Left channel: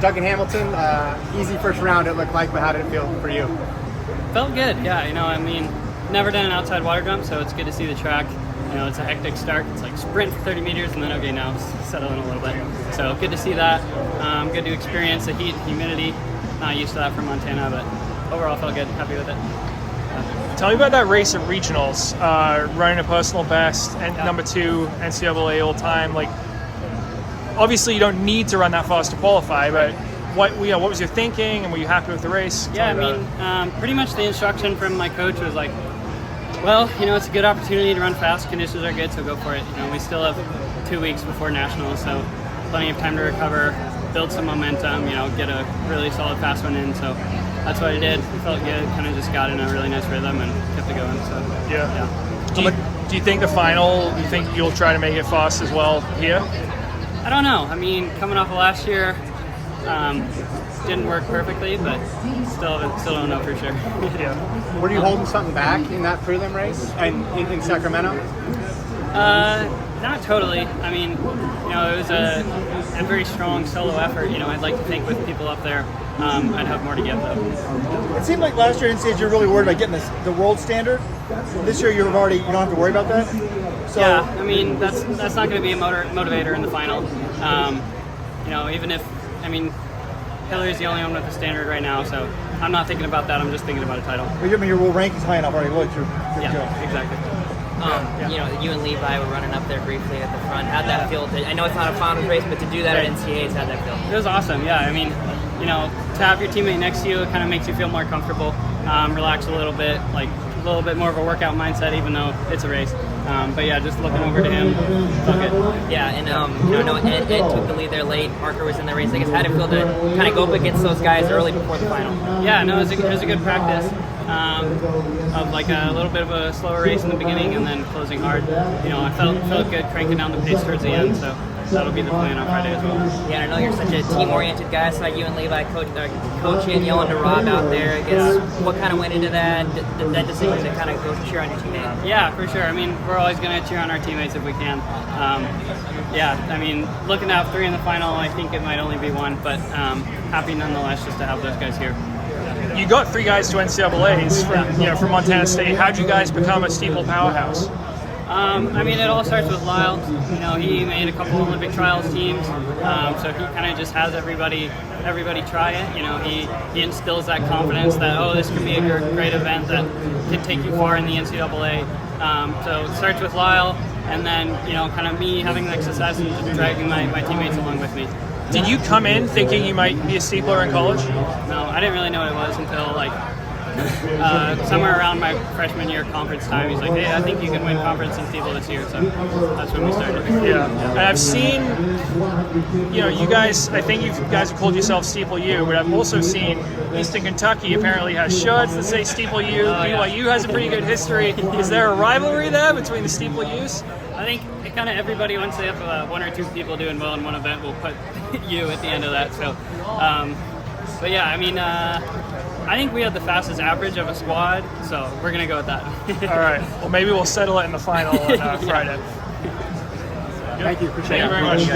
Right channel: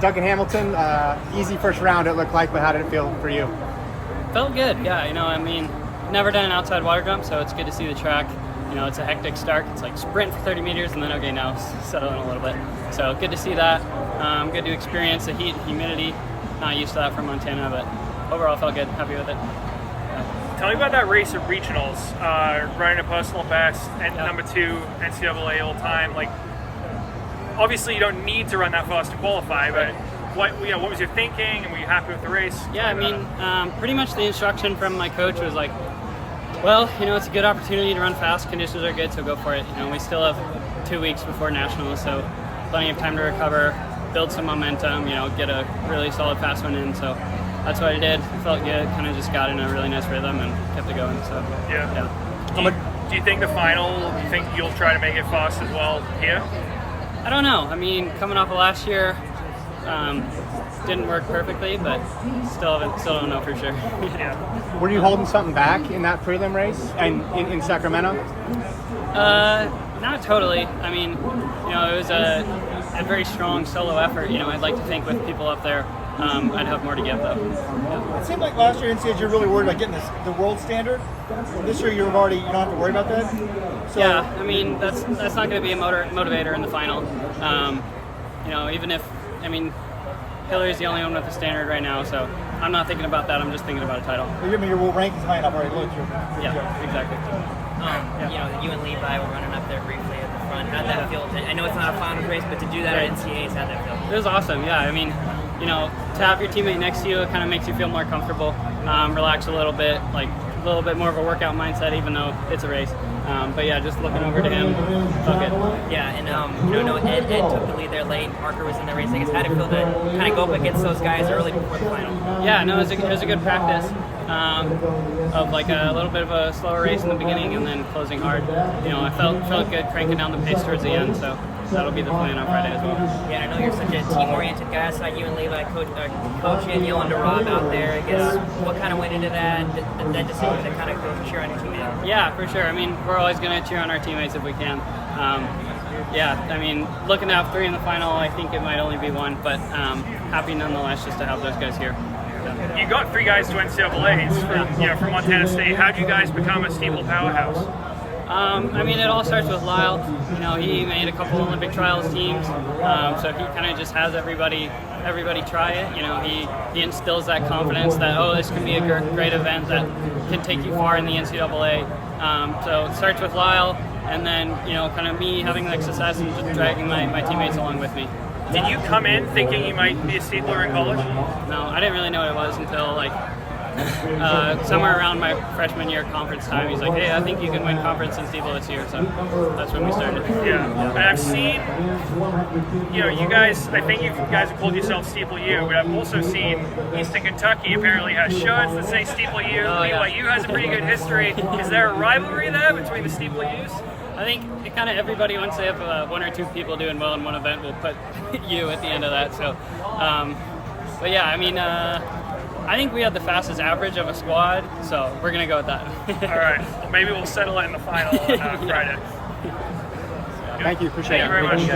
Duncan Hamilton, easy first round it looked like, but how did it feel for you? Felt good, yeah. Never done an outside water jump, so it's good to see the track. It's a hectic start. It's like sprint for 30 meters, and then okay, now settle in a little bit. So good to see that. Good to experience the heat and humidity. Not used to that from Montana, but overall felt good. Happy with it. Tell me about that race at regionals, running a personal best and number 2 NCAA all time. Like, obviously you don't need to run that fast to qualify, but what was your thinking, and were you happy with the race? Yeah, pretty much the instruction from my coach was like, well, it's a good opportunity to run fast. Conditions are good, so go for it. We still have 2 weeks before nationals, so plenty of time to recover, build some momentum, get a really solid fast one in. So that's what I did. It felt good, kind of just got in a really nice rhythm and kept it going. So yeah. Do you think the final, you think you'll try to make it fast as well here? I don't know. Coming off of last year, didn't work perfectly, but still don't know for sure. Were you holding something back in that prelim race and in Sacramento? Not totally. It was a very strong solo effort. I'd like to think with people up there, I'd have more to give though. It seemed like last year NCAAs you were really worried about getting the world standard. This year you don't have to worry about that. So, yeah, that's not going to be a motivator in the final. Even if Hillary's the only one with the standard right now, so I'm not thinking about that. I'm just thinking about a title. But your world rank is high enough, right? Yeah, exactly. You and Levi were running up there briefly at the front. How'd that feel? I know it's not a finals race, but to do that at NCAAs, how'd that feel? It was awesome, yeah. To have your teammate next to you, it kind of makes you feel more comfortable, relax a little bit, like a little bit more of a workout mindset, even though it's a race. But yeah, just looking over to him, felt good. Yeah, and Ed took the lead there late. Parker was in the race. I guess how did it feel to kind of go up against those guys early before the final? Yeah, no, it was a good practice of like a little bit of a slower race in the beginning and then closing hard. I felt good cranking down the pace towards the end, so that'll be the plan on Friday as well. Yeah, and I know you're such a team-oriented guy. I saw you and Levi coaching and yelling to Rob out there. I guess what kind of went into that decision to kind of go cheer on your teammate? Yeah, for sure. We're always going to cheer on our teammates if we can. Looking to have 3 in the final, I think it might only be 1, but happy nonetheless just to have those guys here. Yeah. You got 3 guys to NCAAs from Montana State. How'd you guys become a Steeple powerhouse? It all starts with Lyle. He made a couple Olympic trials teams, so he kind of just has everybody try it. He instills that confidence that, this can be a great event that can take you far in the NCAA. So it starts with Lyle, and then kind of me having that success and just dragging my teammates along with me. Did you come in thinking you might be a steepler in college? No, I didn't really know what it was until somewhere around my freshman year conference time. He's like, hey, I think you can win conference in Steeple this year, so that's when we started. Yeah. But I've seen, you guys, I think you guys have called yourself Steeple U, but I've also seen Eastern Kentucky apparently has shirts that say Steeple U. BYU has a pretty good history. Is there a rivalry there between the Steeple U's? I think everybody, once they have 1 or 2 people doing well in one event, will put U at the end of that. So, but yeah, I think we had the fastest average of a squad, so we're going to go with that. All right. Well, maybe we'll settle it in the final on Friday. Thank you. Appreciate it. Thank you very much.